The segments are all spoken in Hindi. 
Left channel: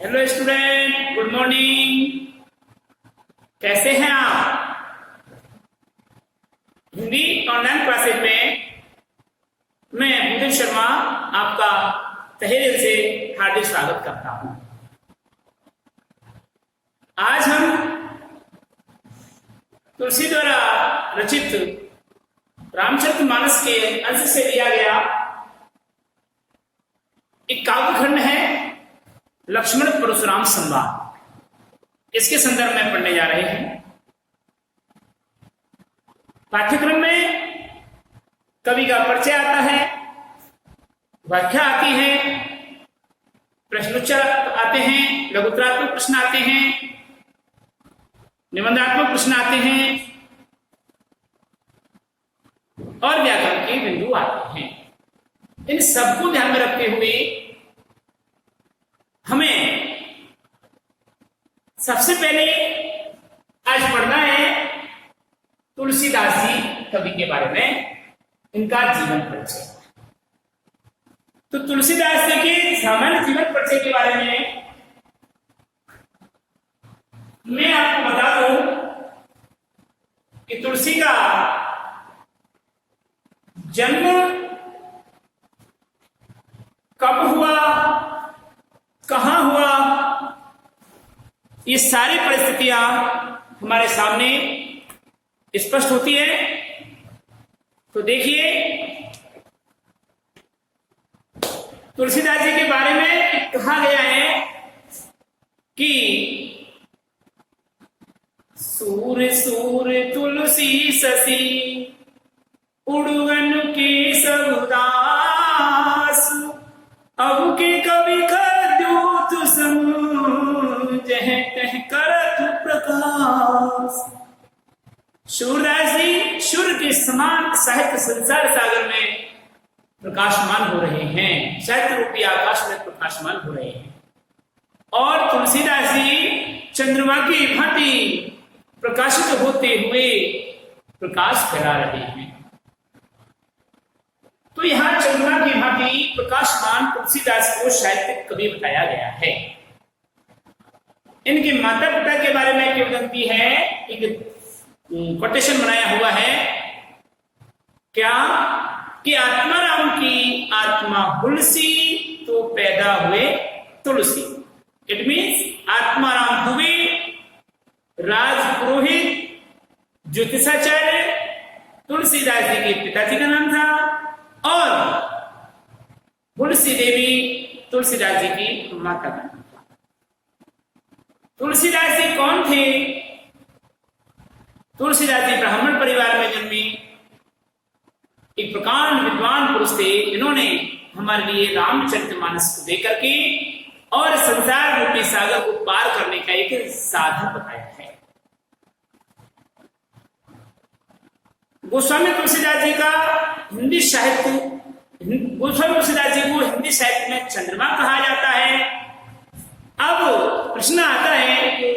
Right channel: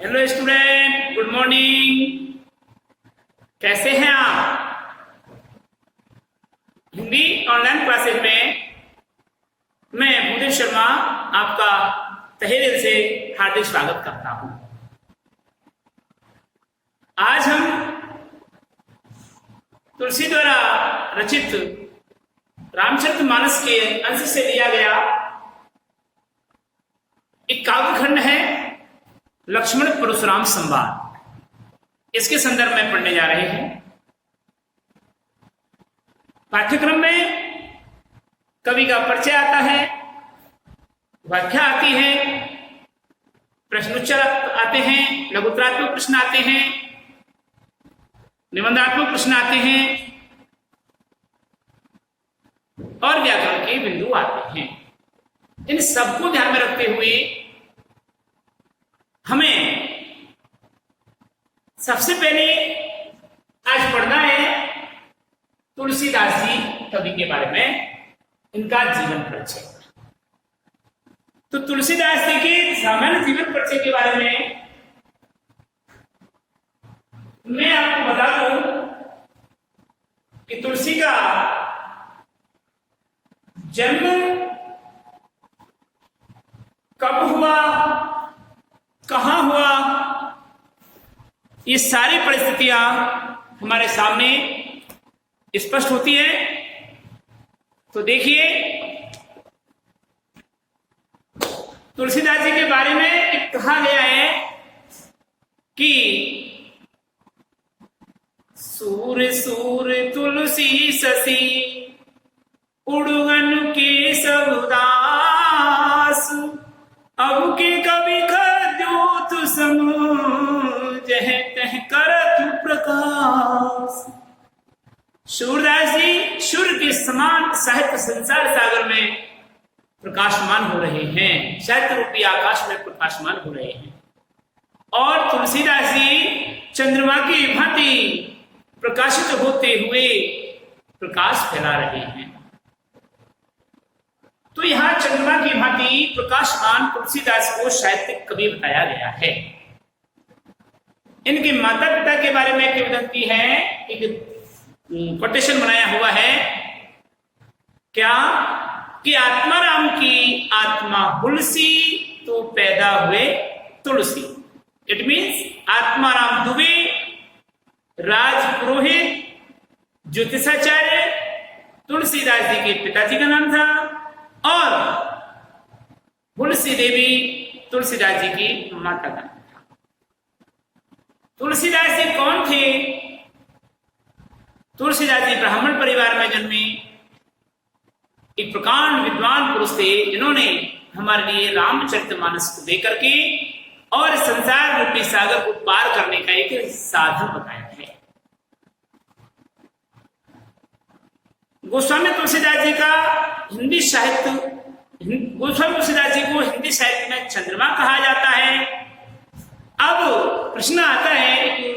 Hello student, good morning. कैसे हैं आप? हिंदी ऑनलाइन क्लासेस में मैं भूदेव शर्मा आपका तहे दिल से हार्दिक स्वागत करता हूं। आज हम तुलसी द्वारा रचित रामचरितमानस के अंश से लिया गया एक काव्यखंड है लक्ष्मण परशुराम संवाद, इसके संदर्भ में पढ़ने जा रहे हैं। पाठ्यक्रम में कवि का परिचय आता है, व्याख्या आती है, प्रश्नोत्तर आते हैं, लघुत्तरात्मक प्रश्न आते हैं, निबंधात्मक प्रश्न आते हैं और व्याकरण के बिंदु आते हैं। इन सबको ध्यान में रखते हुए हमें सबसे पहले आज पढ़ना है तुलसीदास जी कवि के बारे में, इनका जीवन परिचय। तो तुलसीदास जी के सामान्य जीवन परिचय के बारे में मैं आपको बता दूं कि तुलसी का जन्म कब हुआ, कहां हुआ, ये सारी परिस्थितियां हमारे सामने स्पष्ट होती है। तो देखिए, तुलसीदास जी के बारे में कहा गया है कि सूर सूर तुलसी ससी उड़गन के सबदास, अब के कवि खद्योत सम जह तह करत प्रकाश। सूरदास जी सूर्य के समान साहित्य संसार सागर में प्रकाशमान हो रहे हैं, साहित्य रूपी आकाश में प्रकाशमान हो रहे हैं। और तुलसीदास जी चंद्रमा की भांति प्रकाशित होते हुए प्रकाश फैला रहे हैं। तो यहां चंद्रमा की भांति प्रकाशमान तुलसीदास को साहित्यिक कवि बताया गया है। इनके माता पिता के बारे में किंवदंती है, एक कोटेशन बनाया हुआ है क्या कि आत्माराम की आत्मा हुलसी तो पैदा हुए तुलसी। इट मीन्स आत्माराम दुबे राजपुरोहित ज्योतिषाचार्य तुलसीदास जी के पिताजी का नाम था, और तुलसी देवी तुलसीदास जी की माता का नाम था। तुलसीदास जी कौन थे? तुलसीदास जी ब्राह्मण परिवार में जन्मे एक प्रकांड विद्वान पुरुष थे, जिन्होंने हमारे लिए रामचरितमानस को लेकर के और संसार रूपी सागर को पार करने का एक साधन बताया है। गोस्वामी तुलसीदास जी का हिंदी साहित्य, गोस्वामी तुलसीदास जी को हिंदी साहित्य में चंद्रमा कहा जाता है। अब प्रश्न आता है कि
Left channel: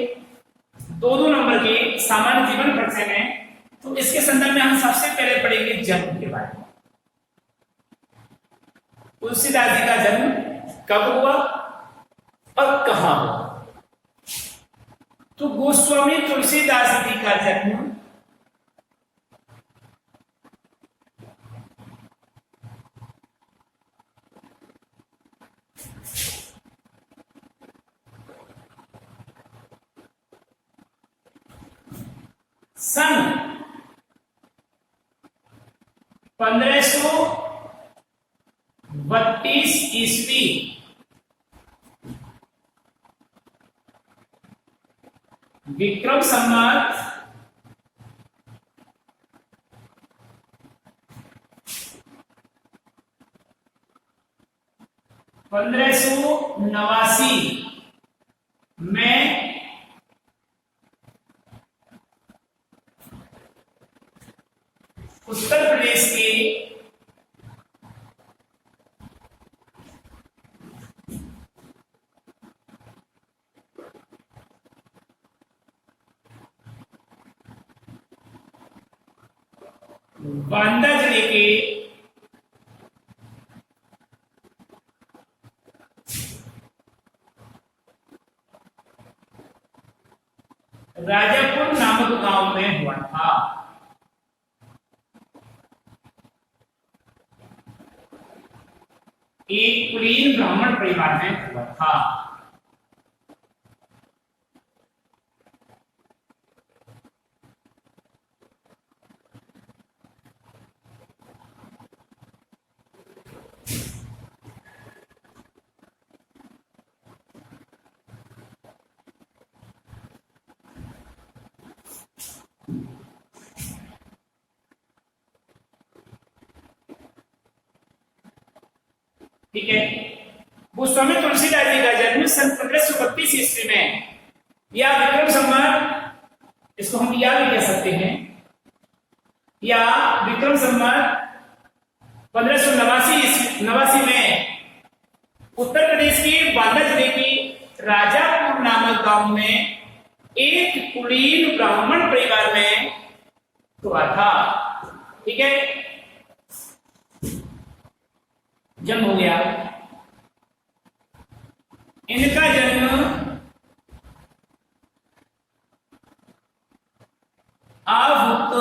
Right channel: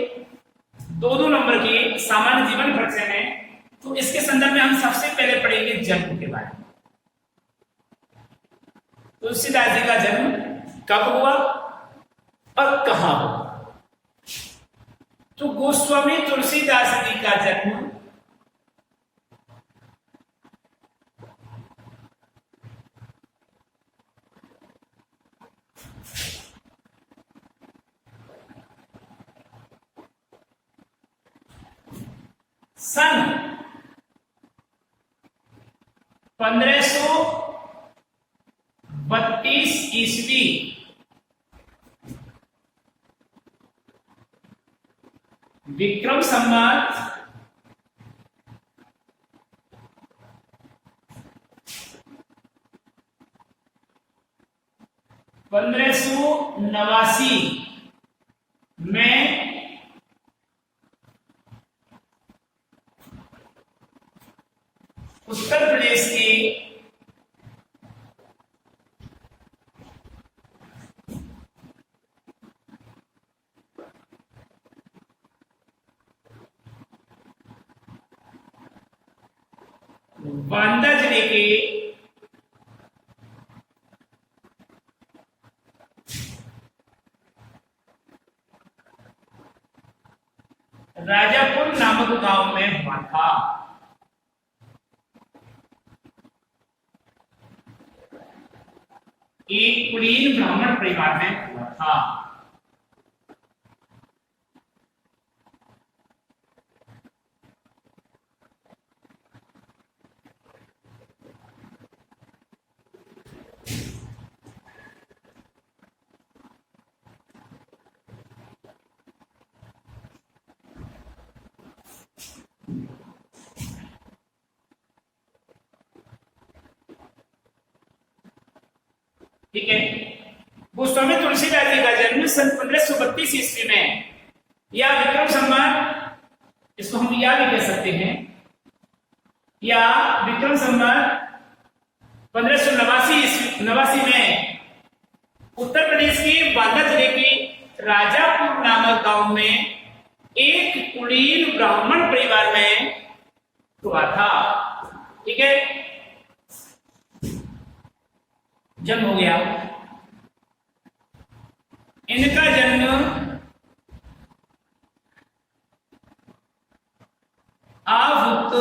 दो नंबर के सामान्य जीवन परिचय में, तो इसके संदर्भ में हम सबसे पहले पढ़ेंगे जन्म के बारे में। तुलसीदास जी का जन्म कब हुआ और कहां हुआ? तो गोस्वामी तुलसीदास जी का जन्म सन 1532 ईस्वी विक्रम संवत 1589 में उत्तर प्रदेश के बांदा जिले के राजापुर नामक गांव में हुआ था। एक कुलीन ब्राह्मण परिवार में हुआ था। ठीक है, गोस्वामी तुलसीदास जी का जन्म सन 1532 ईस्वी में या विक्रम संवत, इसको हम या भी कह सकते हैं, या विक्रम संवत 1589 में उत्तर प्रदेश के बांदा जिले की राजापुर नामक गांव में एक कुलीन ब्राह्मण परिवार में हुआ था। ठीक है, जन्म हो गया। इनका जन्म आभुक्त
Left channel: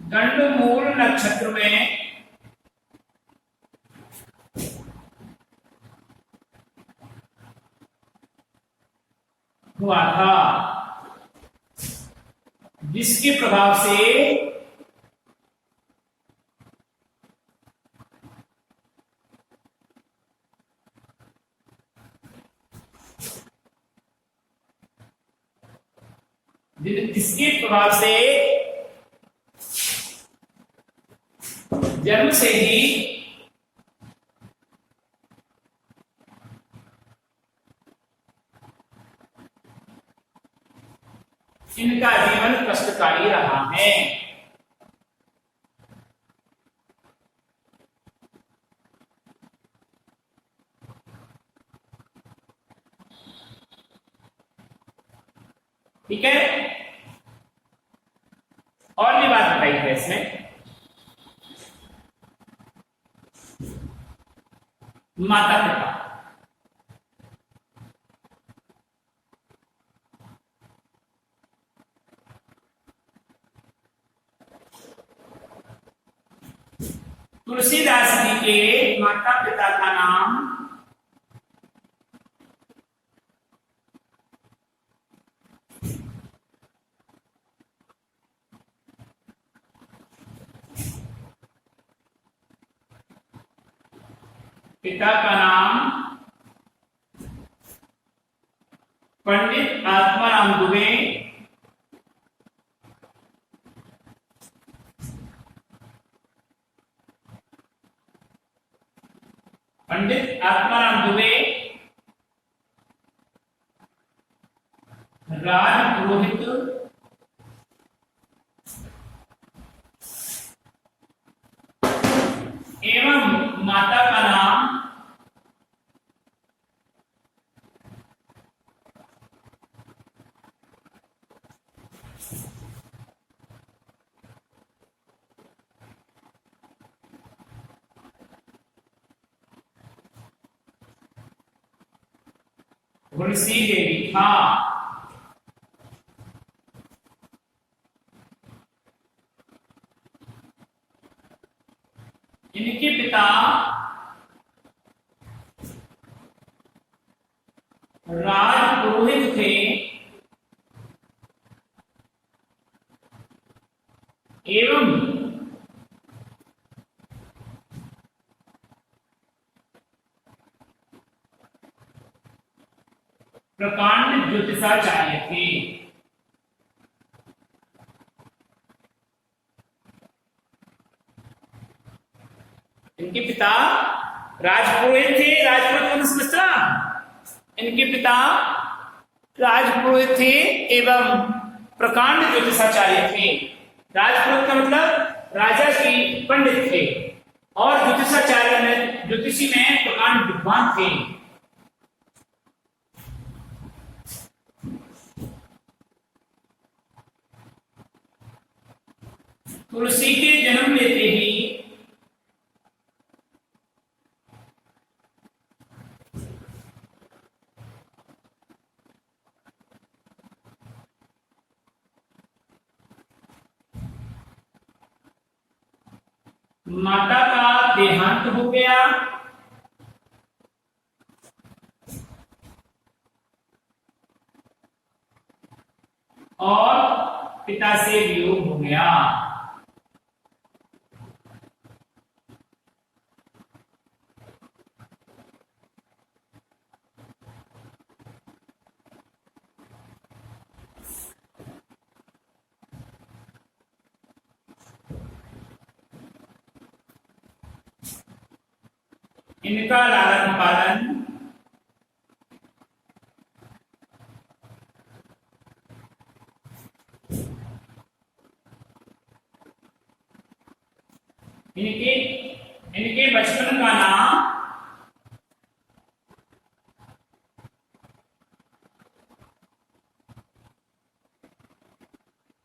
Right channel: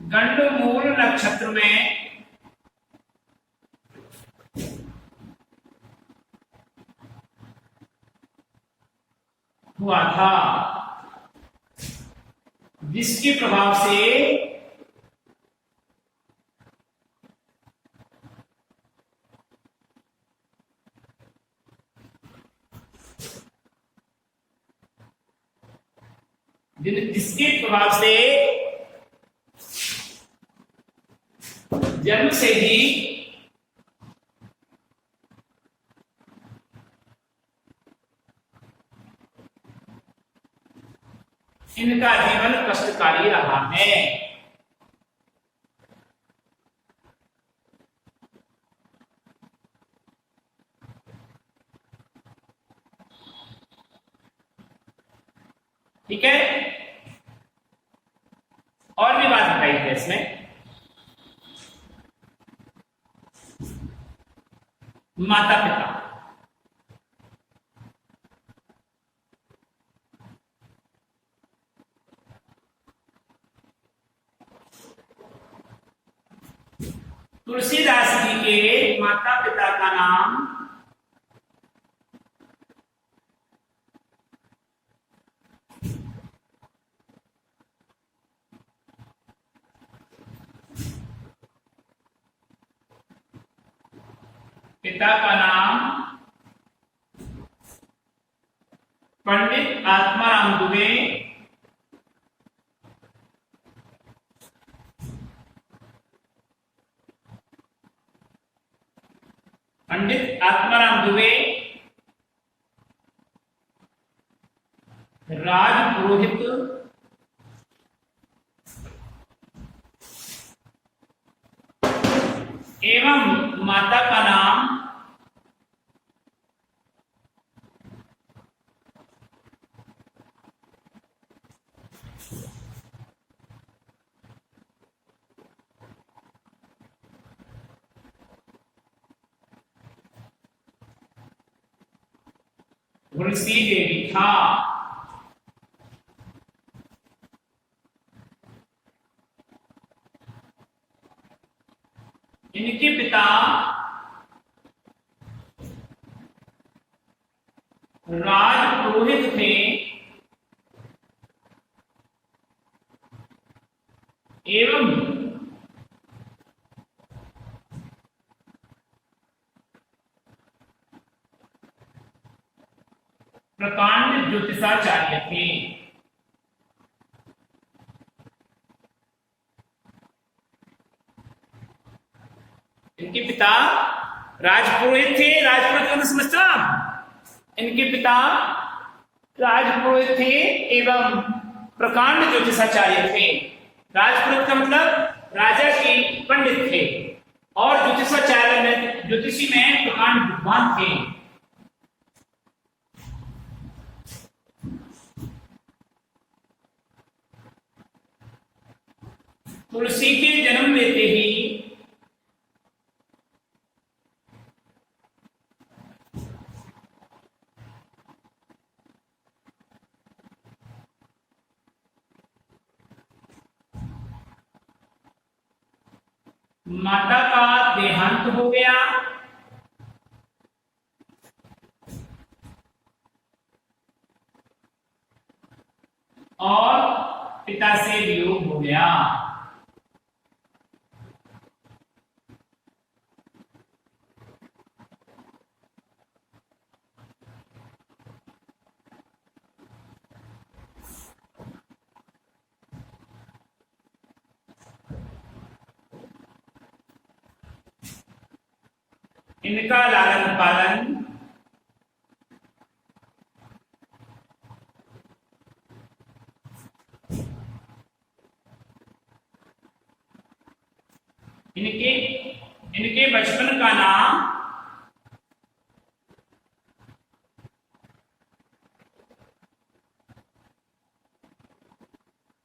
गंडमूल नक्षत्र में हुआ था, जिसके प्रभाव से जन्म से ही इनका जीवन कष्टकारी रहा है। ठीक है, और भी बात बताई है इसमें। माता पिता, तुलसीदास जी के माता पिता का नाम पंडित आत्माराम दुबे, राजपुरोहित एवं माता का नाम तुलसी देवी था। इनके पिता राजपुरोहित थे एवं प्रकांड ज्योतिषाचार्य थे। इनके पिता राजपुरोहित थे। राजपुरोहित का समझता, इनके पिता राजपुरोहित थे एवं प्रकांड ज्योतिषाचार्य थे। राजपुरोहित का मतलब राजा के पंडित थे और ज्योतिषाचार्य में ज्योतिषी में प्रकांड विद्वान थे। तुलसी के जन्म लेते ही माता का देहांत हो गया, और पिता से वियोग हो गया। इनका लालन पालन इनके इनके बचपन का नाम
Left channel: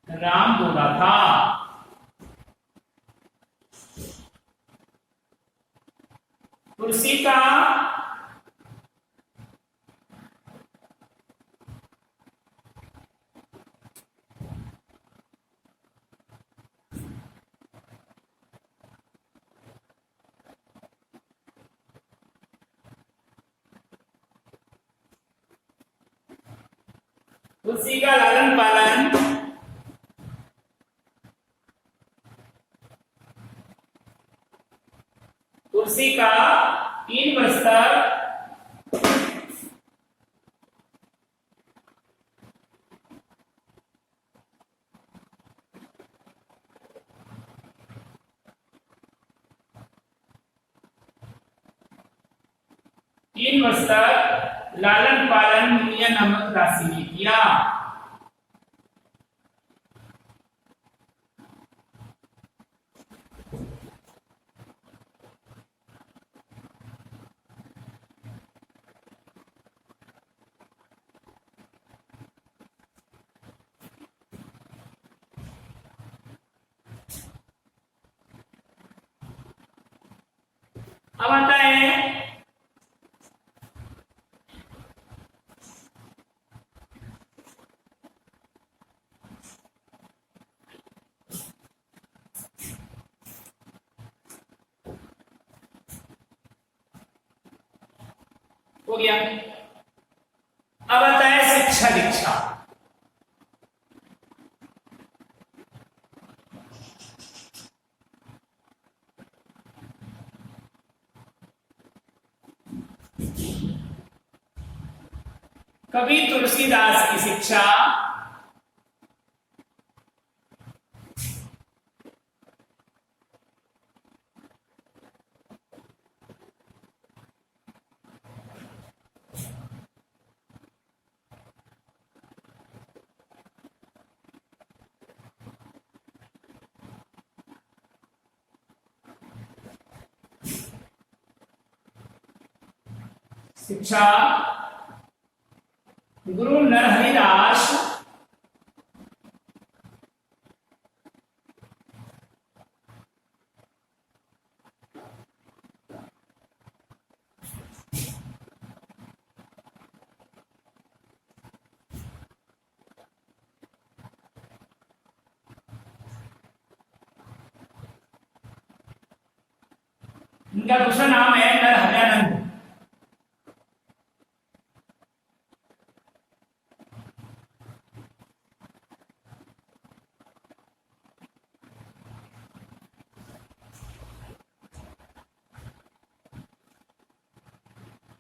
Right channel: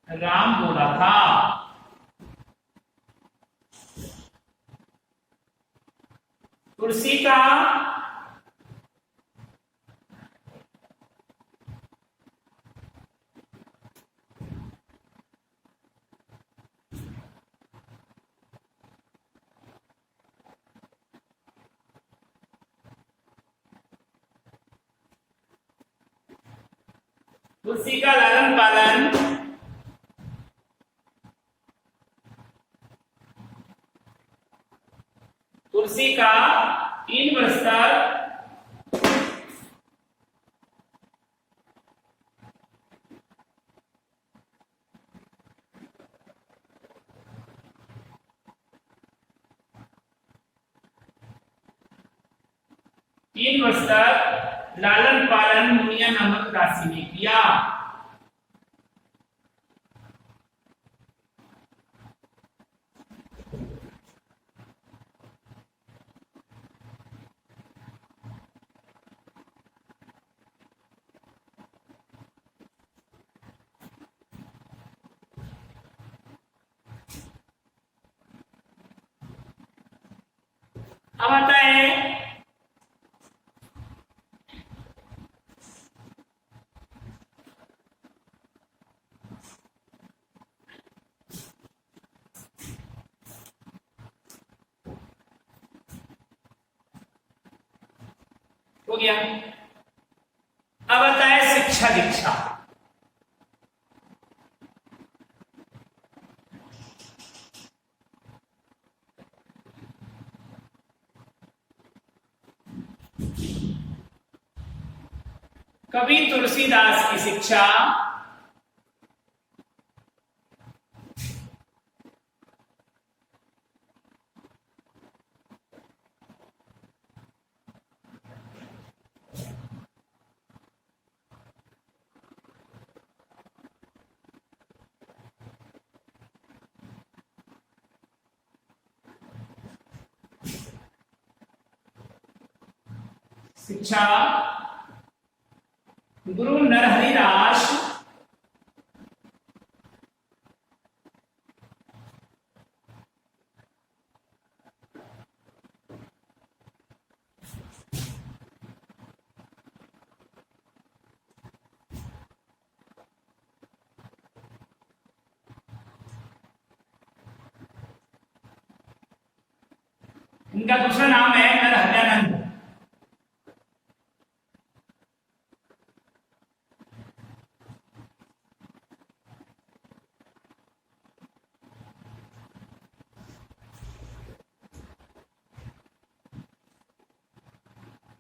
राम बोला था। तुलसी का तुलसी का लालन पालन तुलसी का 3 वर्ष तक लालन पालन मुनिया नामक राशि ने किया। अब आता है हो गया। अब आता है शिक्षा दीक्षा। कवि तुलसीदास की शिक्षा शिक्षा गुरु नरहरिदास इनका दूसरा नाम है नरहरियानंद।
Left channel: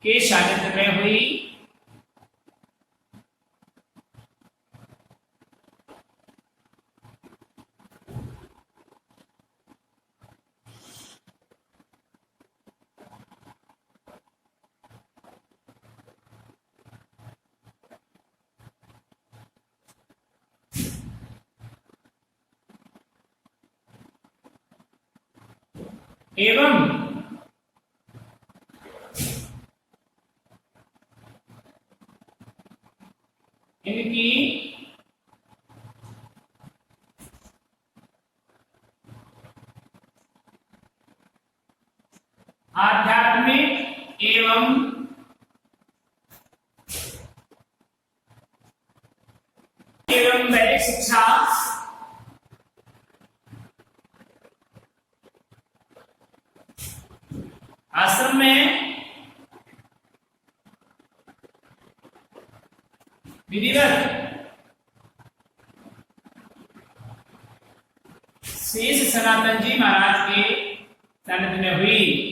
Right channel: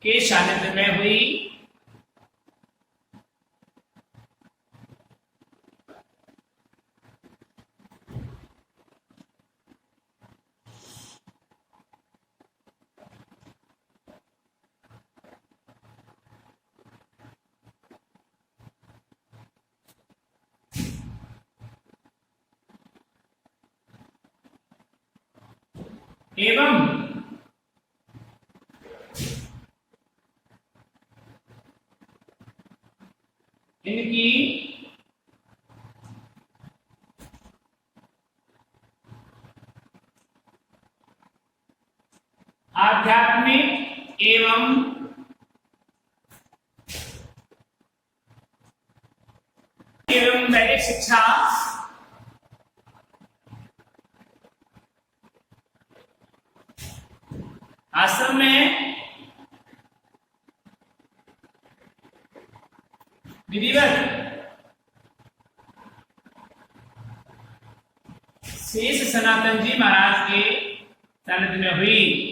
के सानिध्य में हुई एवं इनकी आध्यात्मिक एवं वैदिक शिक्षा आश्रम में विधिवत शेष सनातन जी महाराज के सानिध्य में हुई।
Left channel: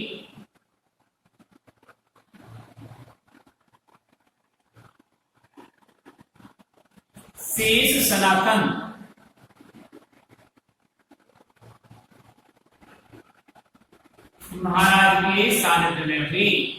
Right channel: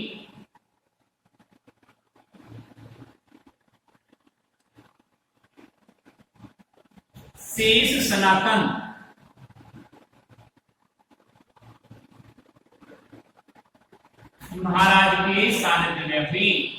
शेष सनातन महाराज के सानिध्य में हुई।